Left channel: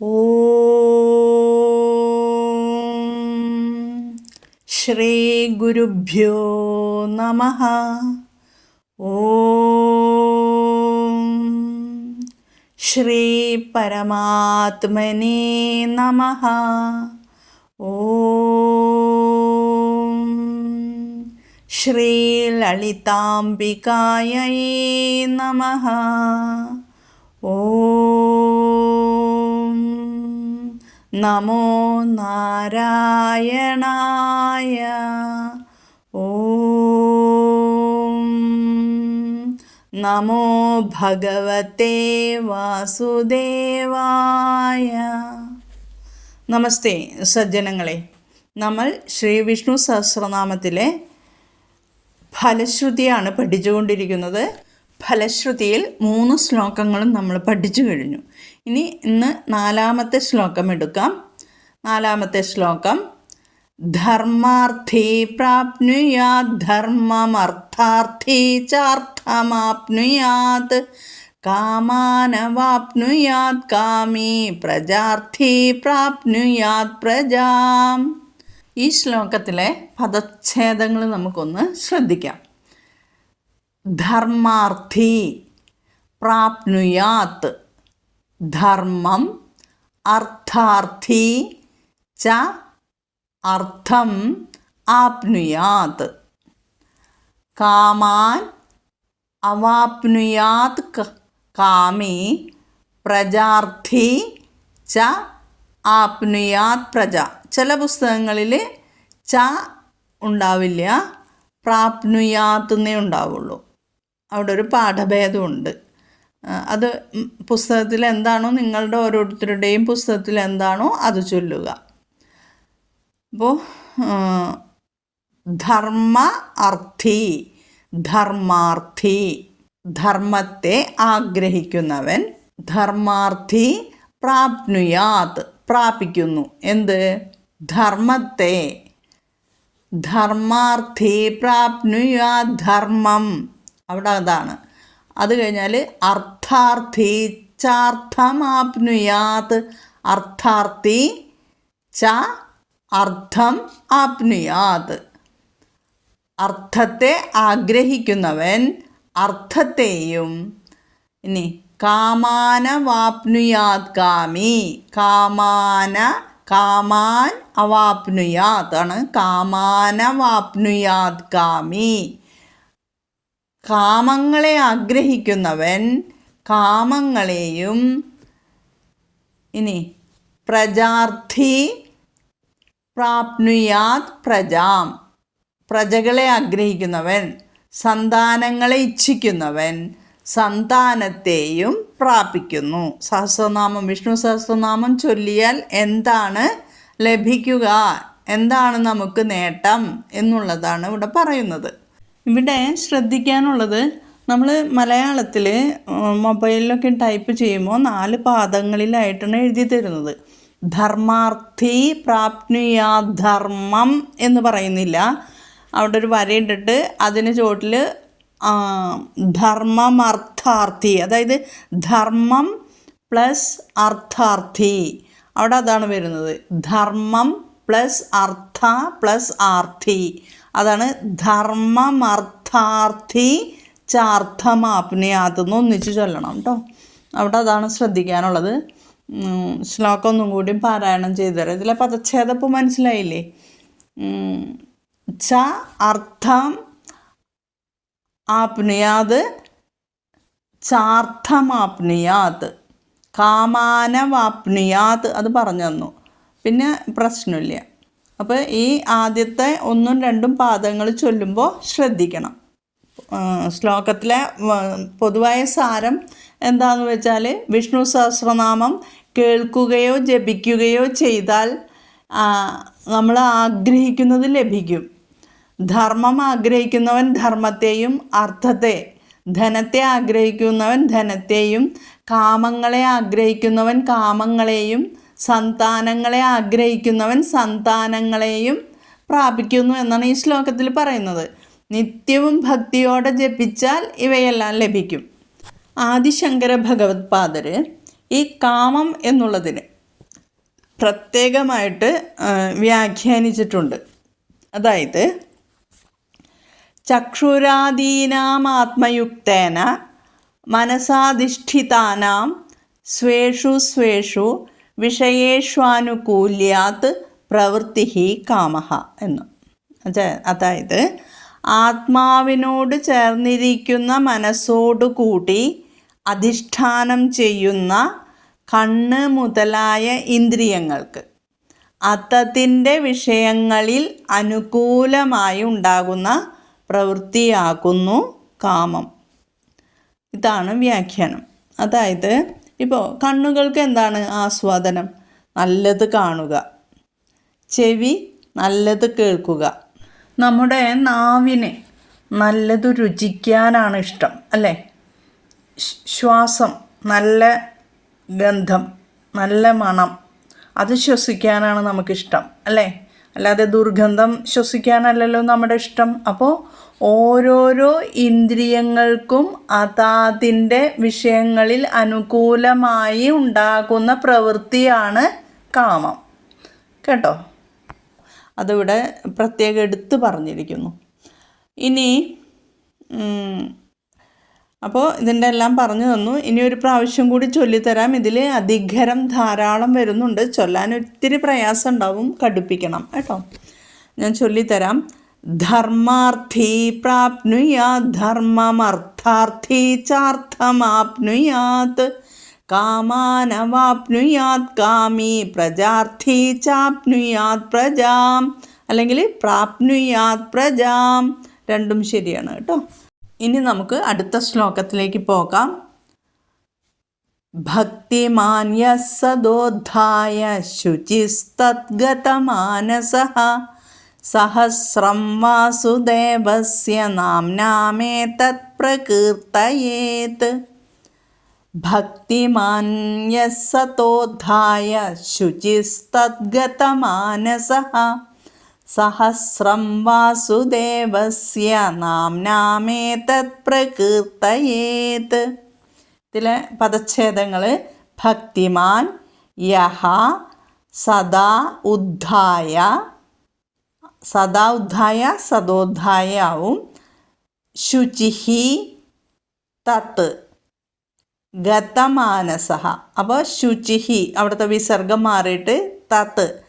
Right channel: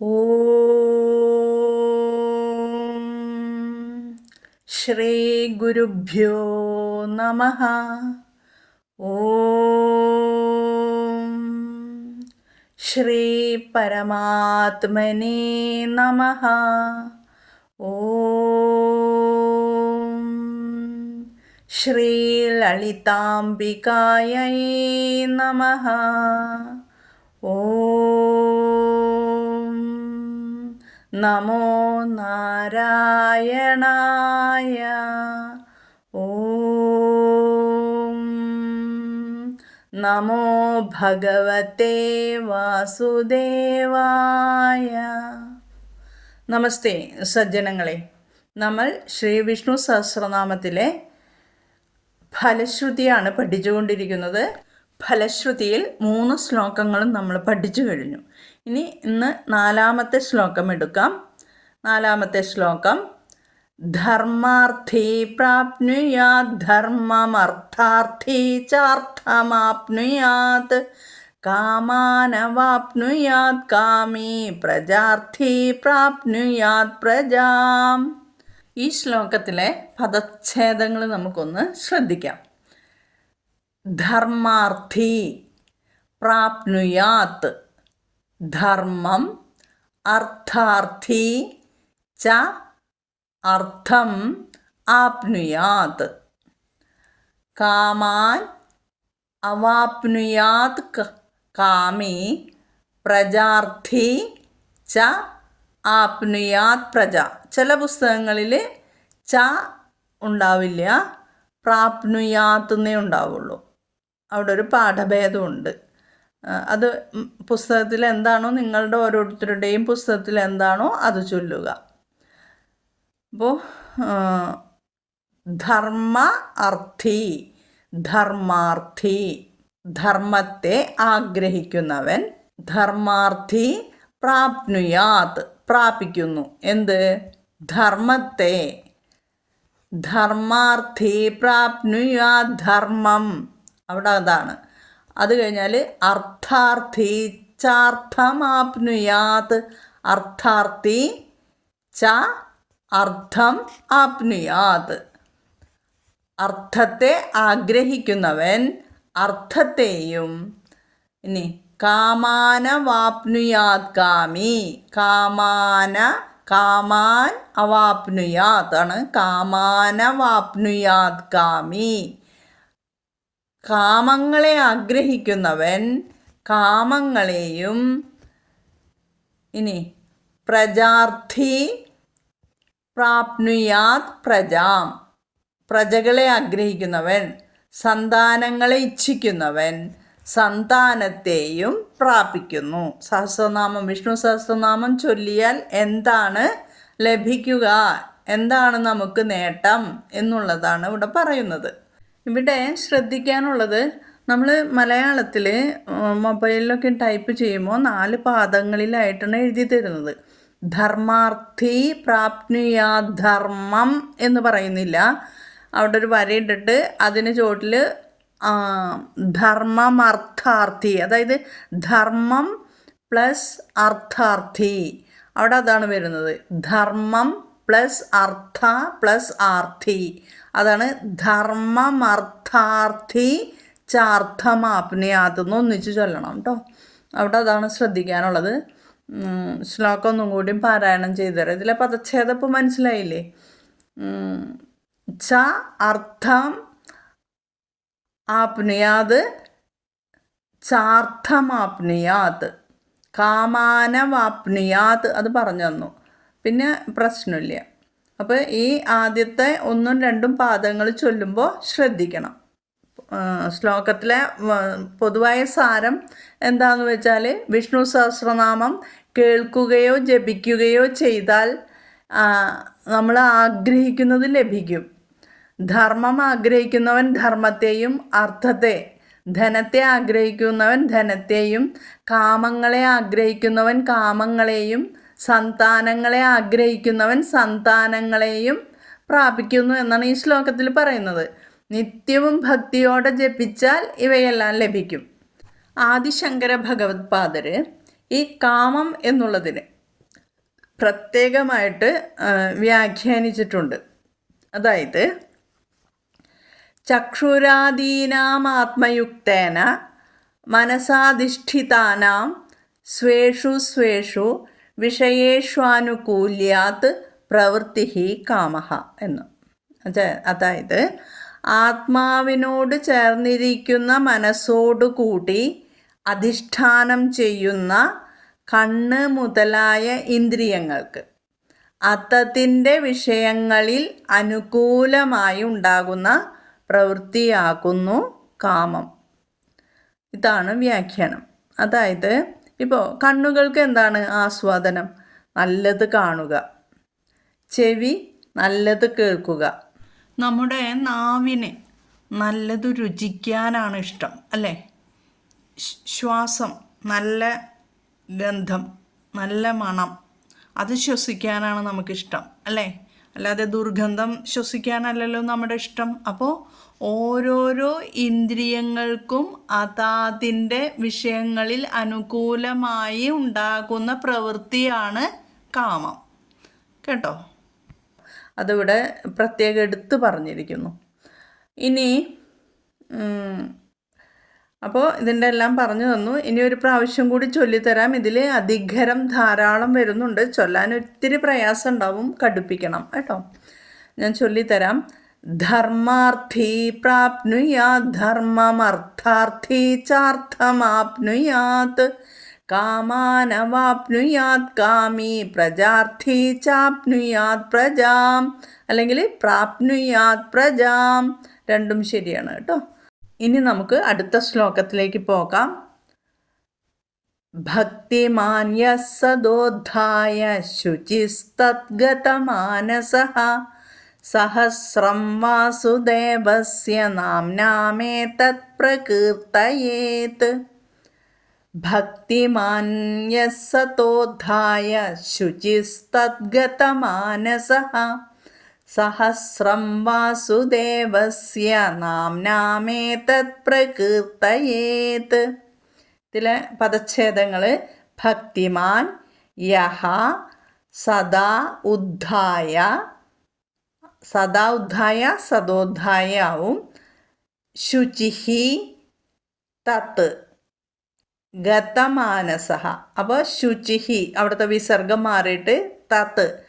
ॐ श्रीगुरुभ्यो नमः ॐ श्रीपरमात्मने नमः ॐ श्रीललिताम्बिकायै नमः ॐ നമോ നാരായണായ. ഓം. നമോ ഭഗവത്തെ വാസുദേവായ. നമസ്തേ സജ്ജനങ്ങളെ നമ്മൾ ശ്രീ വിഷ്ണു സഹസ്രനാമത്തിലെ ഫലശ്രുതിയാണ് പഠിച്ചുകൊണ്ടിരിക്കുന്നത്. ഫലശ്രുതിയിൽ മൂന്ന് ശ്ലോകങ്ങളും നമ്മൾ പഠിച്ചു കഴിഞ്ഞു. ഇനി ഇന്ന് നാലാമത്തെ ശ്ലോകം എടുക്കാം. നാലാമത്തെ ശ്ലോകം. ധർമാർത്ഥി പ്രാപ്നുയാത് ധർമ്മമർത്ഥാർത്ഥി ചാർത്ഥമാപ്നുയാത് കാമാനവാപ്നുയാത് കാമീ പ്രജാർത്ഥി പ്രാപ്നുയാത് പ്രജാം. ഈ ശ്ലോകത്തിലെ പദച്ഛേദങ്ങൾ നമുക്കൊന്ന് ശ്രദ്ധിക്കാം. ധർമാർത്ഥി പ്രാപ്നുയാത്ത് ധർമ്മം അർത്ഥാർത്ഥി ച അർത്ഥം ആപ്നുയാത്. കാമാൻ അവാപ്നുയാത് കാമി പ്രജാർത്ഥി ച ആപ്നുയാത് പ്രജ. ചില പുസ്തകങ്ങളിൽ ച ഉണ്ടാവില്ല പ്രാപ്നുയാത്തുന്നേ ഉണ്ടാവുള്ളൂ. അവിടെ ഒരു പാഠഭേദമുണ്ട് അത് പുസ്തകത്തിൽ എന്താണോ നിങ്ങളുടെ ഓരോരുത്തരുടെയും പുസ്തകത്തിൽ എന്താണോ അത് ചൊല്ലുക. അപ്പോൾ ധർമ്മ അർത്ഥി ധർമാർത്ഥി ധർമ്മത്തെ ആഗ്രഹിക്കുന്നവൻ ധർമാർത്ഥി പ്രാപ്നുയാത് പ്രാപിക്കുന്നു. എന്ത്? ധർമ്മത്തെ. ധർമാർത്ഥി പ്രാപ്നുയാ ധർമ്മം. അവിടെ അതാണ്. അത് കഴിഞ്ഞാൽ അർത്ഥാർത്ഥി ചാർത്ഥമാപ്നുയാത് അർത്ഥാർത്ഥി ച അർത്ഥം ആപ്നുയാത്. അർത്ഥത്തെ ആഗ്രഹിക്കുന്നവൻ അർത്ഥത്തെയും ഇനി കാമാന വാപ്നുയാത് കാമി. കാമാന കാമാൻ അവാപ്നുയാത് ആണ്. കാമാന വാപ്നുയാത് കാമി. കാമങ്ങളെ ആഗ്രഹിക്കുന്നവൻ കാമങ്ങളെയും ഇനി പ്രജാർത്ഥി പ്രാപ്നുയാത് പ്രജാം. പ്രജകളെ ആഗ്രഹിക്കുന്നവൻ സന്താനങ്ങളെ ഇച്ഛിക്കുന്നവൻ സന്താനത്തെയും പ്രാപിക്കുന്നു. സഹസ്രനാമം വിഷ്ണു സഹസ്രനാമം ചൊല്ലിയാൽ എന്താണ് ലഭിക്കുക? എന്താണ് നമുക്ക് നേട്ടം എന്നുള്ളതാണ് ഇവിടെ പറയുന്നത്. ഇവിടെ ശ്രദ്ധിക്കാനുള്ളത് നമ്മൾ മലയാളത്തിൽ മൊബൈലിലൊക്കെ ടൈപ്പ് ചെയ്യുമ്പോൾ നാല് പാദങ്ങളിലായിട്ടാണ് എഴുതി തരുന്നത്. ധർമാർത്ഥി പ്രാപ്നുയാ ധർമ്മം എന്ന് പറയുന്നില്ല. അവിടെ ഒരു വരയിട്ടിട്ട് അതിന് ചോട്ടിൽ ധർമ്മമർത്ഥാർത്ഥി അതായത് ധർമ്മം പ്ലസ് അർത്ഥാർത്ഥി. അവിടെ അതാണ് വരുന്നത്. ധർമ്മം പ്ലസ് അർത്ഥ പ്ലസ് ആർത്ഥി അതാണ് ധർമ്മമർത്ഥാർത്ഥി ചാർത്ഥമാപ്നയാതെന്ന് ഒന്നിച്ച് ചൊല്ലണം കേട്ടോ അവിടെ അതാണ് ശ്രദ്ധിക്കാനുള്ളത്. ശ്ലോകം ഒന്നും കൂടി പാരായണം ചെയ്തു തരാം ഇതിലെ പദച്ഛേദം മനസ്സിലായില്ലേ? ച അർത്ഥം ആപ്നയാത് ചാർത്ഥമാപ്നയാത് കാമാനവാപ്നയാത് അത് പറഞ്ഞു തന്നു. പിന്നെ പ്രശ്നമില്ല. അപ്പോൾ ഈ ആദ്യത്തെ ഒന്നും രണ്ടും പാദങ്ങൾ ചൊല്ലുമ്പോൾ ശ്രദ്ധിക്കണം. ശ്ലോകത്തിലെ പൊതുവായ സാരം എന്താണെന്ന് വെച്ചാൽ വിഷ്ണു സഹസ്രനാമം കേൾക്കുകയോ ജപിക്കുകയോ ചെയ്താൽ നമ്മൾ ആഗ്രഹിക്കുന്നത് ലഭിക്കും. ധർമ്മം ആഗ്രഹിക്കുന്നവൻ ധർമ്മത്തെയും അർത്ഥത്തെ ധനത്തെ ആഗ്രഹിക്കുന്നവൻ ധനത്തെയും കാമങ്ങളെ ആഗ്രഹിക്കുന്നവൻ കാമങ്ങളെയും സന്താനങ്ങളെ ആഗ്രഹിക്കുന്നവൻ സന്താനങ്ങളെയും പ്രാപിക്കുന്നു എന്നാണ് ഈ ശ്ലോകത്തിൽ പറയുന്നത്. നിത്യവും ഭക്തിയോടെ ജപിച്ചാൽ ഇവയെല്ലാം ലഭിക്കും. ആദിശങ്കര ഭഗവത് പാദര് ഈ കാമം എന്നുള്ളതിന് പ്രത്യേകമായിട്ട് വ്യാഖ്യാനിച്ചിട്ടുണ്ട്. അതായത് ചക്ഷുരാദീനാമാത്മയുക്തേന മനസാധിഷ്ഠിതാനാം സ്വേഷു സ്വേഷു വിഷയേഷ്വാനുകൂല്യാത് പ്രവൃത്തി ഹി കാമഹ എന്ന്. അത- അതായത് ആത്മാവിനോട് ചേർന്നിരിക്കുന്ന മനസ്സോടുകൂടി അധിഷ്ഠാനം ചെയ്യുന്ന കണ്ണ് മുതലായ ഇന്ദ്രിയങ്ങൾക്ക് അത്തത്തിന്റെ വിഷയങ്ങളിൽ അനുകൂലമായി ഉണ്ടാകുന്ന പ്രവൃത്തിയാകുന്നു കാമം. ഇതാണ് വ്യാഖ്യാനം. അതായത് ഇപ്പോൾ കണ്ണുകൾക്ക് എന്താണ് ആസ്വാദനം? നല്ലത് കാണുക. ചെവി നല്ലത് കേൾക്കുക. നമ്മുടെ നാവിനെ നല്ലത് രുചിക്കാനാണ് ഇഷ്ടം അല്ലേ? ശ്വാസം നല്ല ഗന്ധം നല്ല മണം അത് ശ്വസിക്കാനാണ് നമുക്കിഷ്ടം അല്ലേ? അല്ലാതെ ദുർഗന്ധം ശ്വസിക്കാനല്ലല്ലോ നമ്മുടെ ഇഷ്ടം. അപ്പോൾ ഓരോരോ ഇന്ദ്രിയങ്ങൾക്കും അതാതിന്റെ വിഷയങ്ങളിൽ അനുകൂലമായി ഉണ്ടാകുന്ന പ്രവൃത്തിയാണ് കാമം. കേട്ടോ? അതിവിടെ പ്രത്യേകം എടുത്ത് പറഞ്ഞിരിക്കുന്നു. ഇനി അപ്പോൾ ഇതിന്റെ എല്ലാം പറഞ്ഞു തന്നു. ഇനി ഒരു പ്രാവശ്യം കൂടി ചൊല്ലിത്തരാം. ഇതിൽ അധികരം ധാരാളം വരുന്നുണ്ട്. ചൊല്ലാൻ ഒത്തിരി പ്രയാസം ഉണ്ടാവും. കടുപ്പിക്കണം. കേട്ടോ? ഞാൻ ചൊല്ലിത്തരാം. ധർമാർത്ഥി പ്രാപ്നുയാത് ധർമ്മമർത്ഥാർത്ഥി ചാർത്ഥമാപ്നുയാത് കാമാനവാപ്നുയാത് കാമി പ്രജാർത്ഥി ചാപ്നുയാത് പ്രജാം അല്ലെങ്കിൽ പ്രാപ്നുയാത് പ്രജാം. രണ്ടും ശരിയാണ് കേട്ടോ. ഇനി നമുക്ക് അടുത്ത ശ്ലോകത്തിലേക്ക് പോകാം. ഭക്തിമാന്യ സദോദ്ധായ ശുചിസ്തദ്ഗതമാനസഃ സഹസ്രം വാസുദേവസ്യ നാംനാമേതത് പ്രകീർത്തയേത്. ഭക്തിമാൻ യസതോദ്ധായ ശുചിസ്തദ്ഗതമാനസഃ. സഹസ്രം വാസുദേവസ്യ നാംനാമേതത് പ്രകീർത്തയേത്. ഇതിലെ പദച്ഛേദങ്ങൾ ഭക്തിമാൻ യഹ സദാ ഉദ്ധായ സദോദ്ധായ ആവും ശുചിഹി തത്ത് ഗതമാനസഹ. അപ്പോൾ ശുചിഹി അവിടുത്തെ വിസർഗം മാറിയിട്ട് തത്ത്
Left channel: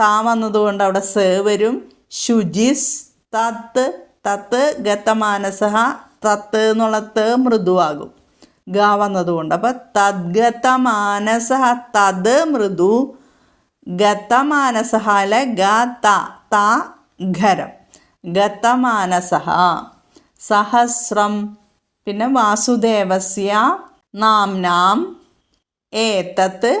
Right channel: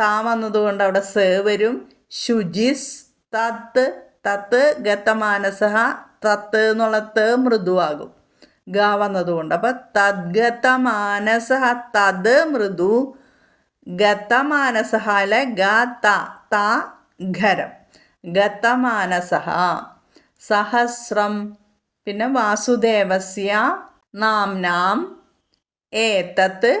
താ വന്നതുകൊണ്ട് അവിടെ സേവരും വരും. ശുചിസ് തത്ത് തത്ത് ഗതമാനസഹ തത്ത് എന്നുള്ള ത മൃദുവാകും. ഗ വന്നതുകൊണ്ട്. അപ്പോൾ തദ്ഗതമാനസഹ തത് മൃദു. ഗതമാനസഹ അല്ലെ ഗ ത ത ഗതമാനസഹ സഹസ്രം. പിന്നെ വാസുദേവസ്യ നാംനാം ഏതത്ത്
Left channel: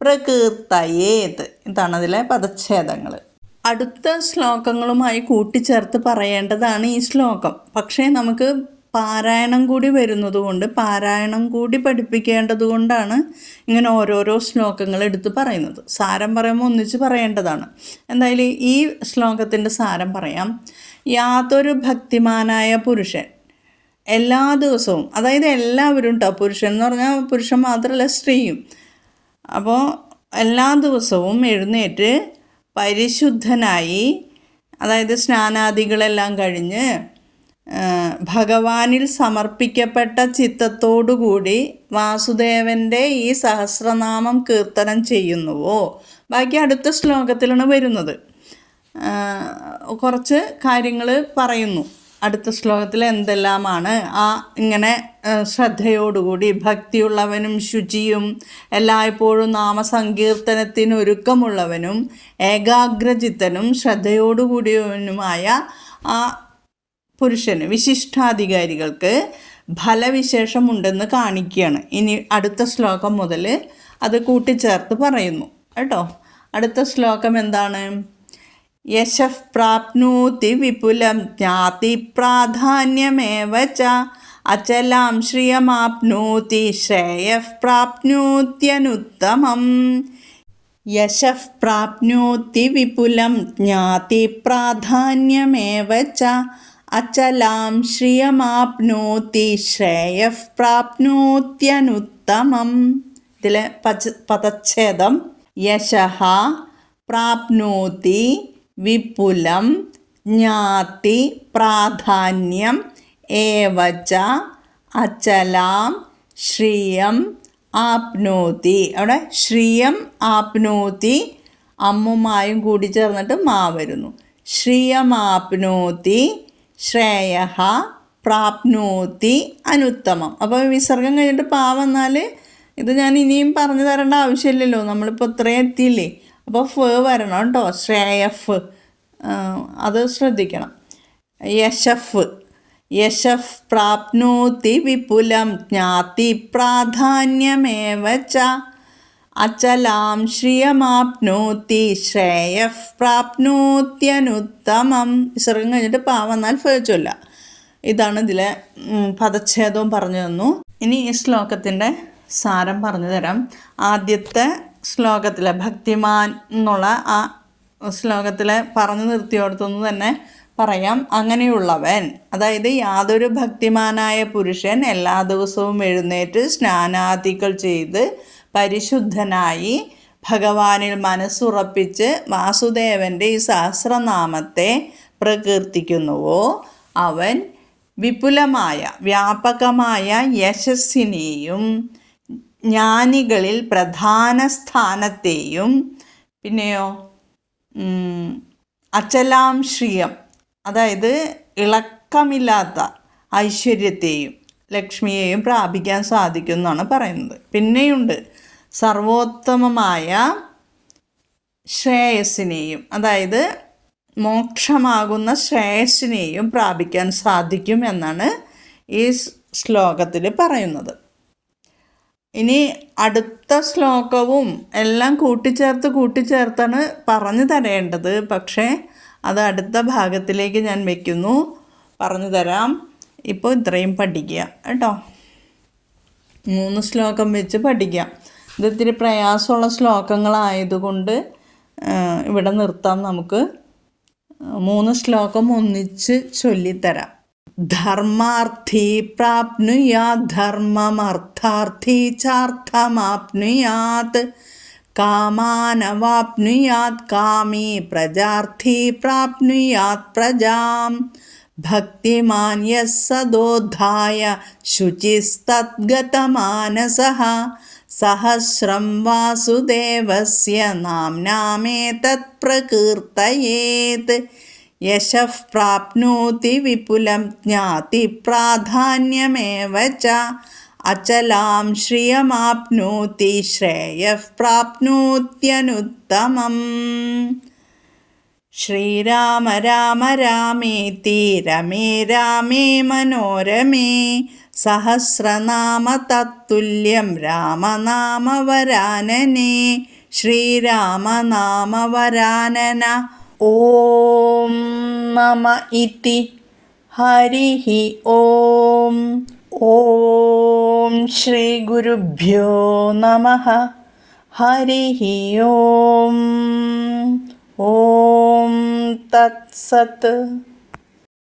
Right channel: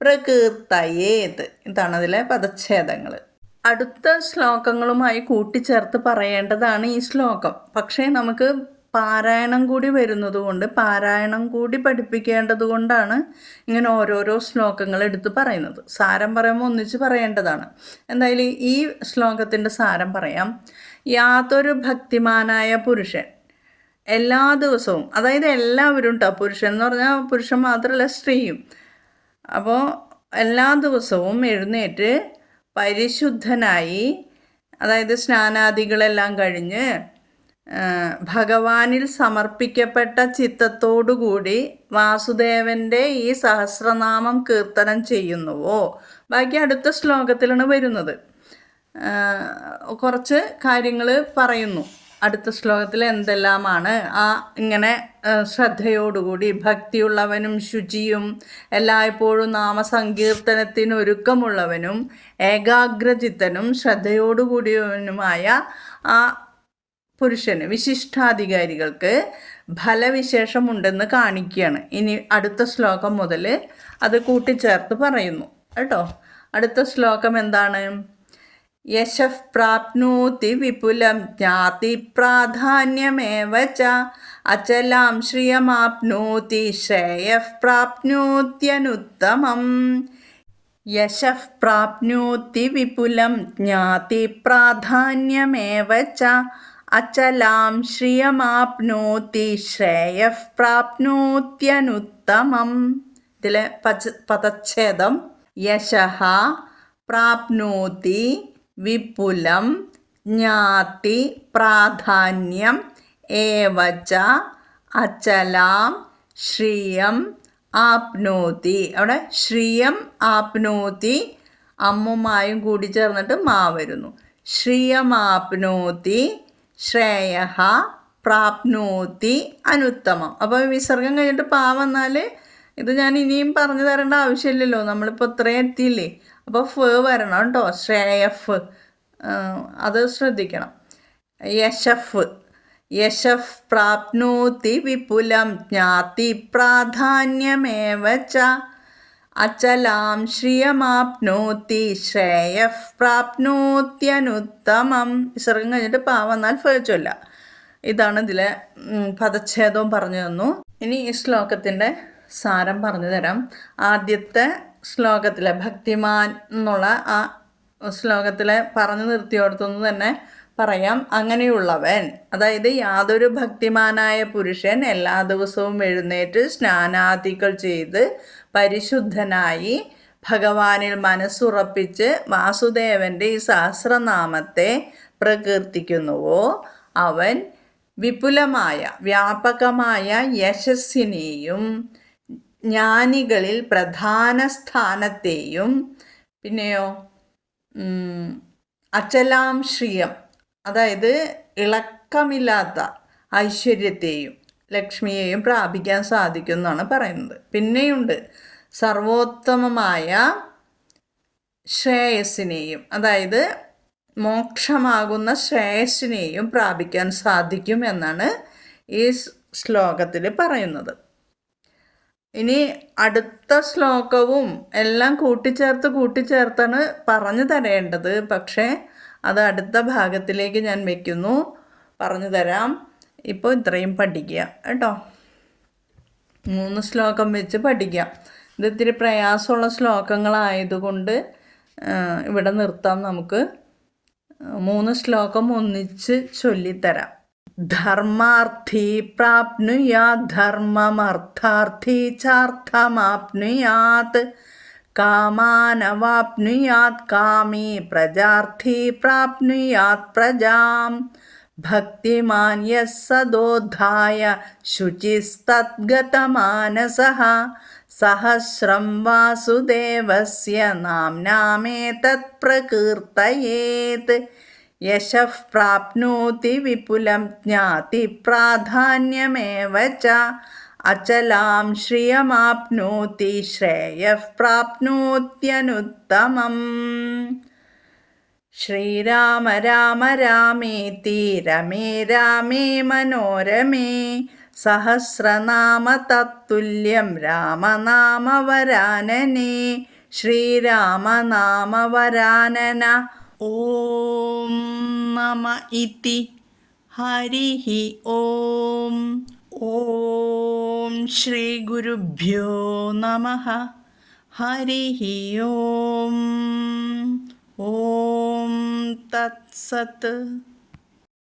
പ്രകീർത്തയേത്. ഇതാണ് അതിലെ പദച്ഛേദങ്ങൾ അടുത്ത ശ്ലോകങ്ങളുമായി കൂട്ടിച്ചേർത്ത് പറയേണ്ടതാണ് ഈ ശ്ലോകം. പക്ഷേ നമുക്ക് പാരായണം കൂടി വരുന്നത് കൊണ്ട് പാരായണം കൂടി പഠിപ്പിക്കേണ്ടത് കൊണ്ടാണ് ഇങ്ങനെ ഓരോരോ ശ്ലോകങ്ങൾ എടുത്ത് പറയുന്നത്. സാരം പറയുമ്പോൾ ഒന്നിച്ച് പറയേണ്ടതാണ്. എന്തായാലും ഈ ശ്ലോകത്തിന്റെ സാരം പറയാം. യാതൊരു ഭക്തിമാനായ പുരുഷൻ എല്ലാ ദിവസവും അതായത് എല്ലാവരും കേട്ടോ പുരുഷൻ എന്ന് പറഞ്ഞാൽ പുരുഷൻ മാത്രമല്ല സ്ത്രീയും. അപ്പോൾ എല്ലാ ദിവസവും എഴുന്നേറ്റ് പരിശുദ്ധനായി അതായത് സ്നാനാദികളെല്ലാം കഴിഞ്ഞ് ഭഗവാനിൽ സമർപ്പിക്കപ്പെട്ട ചിത്തത്തോടുകൂടി വാസുദേവന്റെ ഈ സഹസ്രനാമം കീർത്തനം ചെയ്യുന്നുവോ? ബാക്കി അടുത്ത ശ്ലോകത്തിലാണ് വരുന്നത്. കുറച്ച് കാര്യങ്ങൾ പറയുന്നു. അടുത്ത ശ്ലോകത്തിൽ എന്തെല്ലാമാണ്? ആ ഇങ്ങനെ ശ്രദ്ധയോടുകൂടി ഭക്തിയുള്ളവനും ശുചിയും എല്ലായ്പ്പോഴും നാമസങ്കീർത്തനത്തിന് ഒരുക്കമുള്ളവനും ഏകാഗ്രചിത്തനും ശ്രദ്ധയോടുകൂടിയവനുമായ ആ പുരുഷന് വിശിഷ്ടാധികാരികൾക്ക് ഫലവിശേഷമുണ്ടെന്ന് കാണിക്കുകയാണ്. ഇനി അടുത്ത ശ്ലോകം മുതൽ അത് കൂട്ടിച്ചേർത്ത് പറയുന്നു. കേട്ടോ? അടുത്ത ശ്ലോകം എന്താണ്? യശഃ പ്രാപ്നോതി വിപുലം ജ്ഞാതി പ്രാധാന്യമേവ അചലാം ശ്രിയമാപ്നോതി ശ്രേയഃ പ്രാപ്നോത്യനുത്തമം. യശഃ പ്രാപ്നോതി വിപുലം ജ്ഞാതി പ്രാധാന്യമേവ അചലാം ശ്രിയമാപ്നോതി ശ്രേയ പ്രാപ്നോത്യനുത്തമം. ഇതിലെ പച പദച്ഛേദം യശഃ പ്രാപ്നോതി വിപുലം ജ്ഞാതി പ്രാധാന്യം ഏവച അചലാം ശ്രിയം ആപ്നോതി. അവിടെ ശ്രിയം ആപ്നോതി അമ്മുമായും കൂടി ചേർന്നിട്ട് മാ വരുന്നു. ശ്രിയമാപ്നോതി ശ്രേയ പ്രാപ്നോത്തി അനുത്തമം. അപ്പോൾ വിസർഗം കഴിഞ്ഞിട്ട് പാ വന്നാൽ ഇത് ഞാൻ ഇനിയും പറഞ്ഞു തരേണ്ട ആവശ്യമില്ലല്ലോ. നമ്മളിപ്പോൾ ഇത്രയും എത്തിയില്ലേ? അപ്പോൾ ഫ് വരണം കേട്ടോ. ശ്രേയഫ് അത് ശ്രദ്ധിക്കണം. യശഫ്. യശഫ് പ്രാപ്നോത്തി വിപുലം ജ്ഞാതി പ്രാധാന്യമേവ ച അചലാം ശ്രിയമാപ്നോത്തി ശ്രേയ പ്രാപ്നോത്യനുത്തമം. വിസർഗം കഴിഞ്ഞിട്ട് പാ വന്നാൽ ഫേച്ചല്ല ഇതാണ് ഇതിലെ പദച്ഛേദവും പറഞ്ഞു തന്നു. ഇനി ഈ ശ്ലോകത്തിന്റെ സാരം പറഞ്ഞു തരാം. ആദ്യത്തെ ശ്ലോകത്തിലെ ഭക്തിമാൻ എന്നുള്ള ആ ശ്ലോകത്തിലെ പറഞ്ഞു നിർത്തിയോടത്തുനിന്ന് തന്നെ പറയാം അങ്ങനെയുള്ളവൻ. അതായത് യാതൊരു ഭക്തിമാനായ പുരുഷൻ എല്ലാ ദിവസവും എഴുന്നേറ്റ് സ്നാനാദികൾ ചെയ്ത് പരിശുദ്ധനായി ഭഗവാനിൽ മനസ്സുറപ്പിച്ച് വാസുദേവന്റെ ഈ സഹസ്രനാമത്തെ പ്രകീർത്തിക്കുന്നുവോ? അവൻ വിപുലമായ വ്യാപകമായ യശസ്സിനെയും ജ്ഞാനികളിൽ പ്രധാന സ്ഥാനത്തെയും പിന്നെയോ അചലാംശ്രിയം അചലാം ശ്രിയം അതായത് ഇളക്കമില്ലാത്ത ഐശ്വര്യത്തെയും ലക്ഷ്മിയെയും പ്രാപിക്കാൻ സാധിക്കും എന്നാണ് പറയുന്നത്. പിന്നെയുണ്ട്. സർവോത്തമമായ ശ്രേയസ്സിനെയും അതായത് മോക്ഷമാകുന്ന ശ്രേയസ്സിനെയും പ്രാപിക്കാൻ സാധിക്കും എന്നാണ് ഈ ശ്ലോകത്തിൽ പറയുന്നത്. ഇനി അടുത്ത ശ്ലോകവും എല്ലാം കൂട്ടിച്ചേർത്ത് കൂട്ടിച്ചേർത്താണ് പറഞ്ഞു തരേണ്ടത്. പക്ഷേ അത് അടുത്ത ഭാഗത്തിലേക്ക് ഞാൻ വയ്ക്കുന്നു പറഞ്ഞു തരാം. ഇപ്പോൾ ഇത്രയും പഠിക്കുക കേട്ടോ. മൂന്ന് ശ്ലോകം വെച്ച് പഠിക്കാം. ഇത് ഇത്തിരി പ്രയാസമുള്ള ശ്ലോകങ്ങളായതുകൊണ്ട് ഇവിടെ നിർത്താം നമുക്ക്. മൂന്ന് ശ്ലോകം ഒന്നിച്ച് ചൊല്ലിത്തരാം. ധർമാർത്ഥി പ്രാപ്നുയാ ധർമ്മമർത്ഥാർത്ഥി ചാർത്ഥമാപ്നുയാത്. കാമാനവാപ്നുയാത് കാമി പ്രജാർത്ഥി പ്രാപ്നുയാത് പ്രജാം ഭക്തിമാന്യ സദോദ്ധായ ശുചിസ്തദ്ഗതമാനസः സഹസ്രം വാസുദേവസ്യ നാംനാമേതത് പ്രകീർത്തയേത് യശഃ പ്രാപ്നോതി വിപുലം ജ്ഞാതി പ്രാധാന്യമേവ ച അചലാം ശ്രിയമാപ്നോതി ശ്രേയഃ പ്രാപ്നോത്യനുത്തമം. ശ്രീരാമ രാമ രാമേതി രമേ രാമേ മനോരമേ സഹസ്രനാമ തത്തുല്യം രാമനാമവരാനനേ ശ്രീരാമനാമവരാനന. ഓം നമ ഇതി. ഹരി ഓം. ഓം ശ്രീ ഗുരുഭ്യോ നമ. ഹരി ഓം. ഓം തത്സത്ത്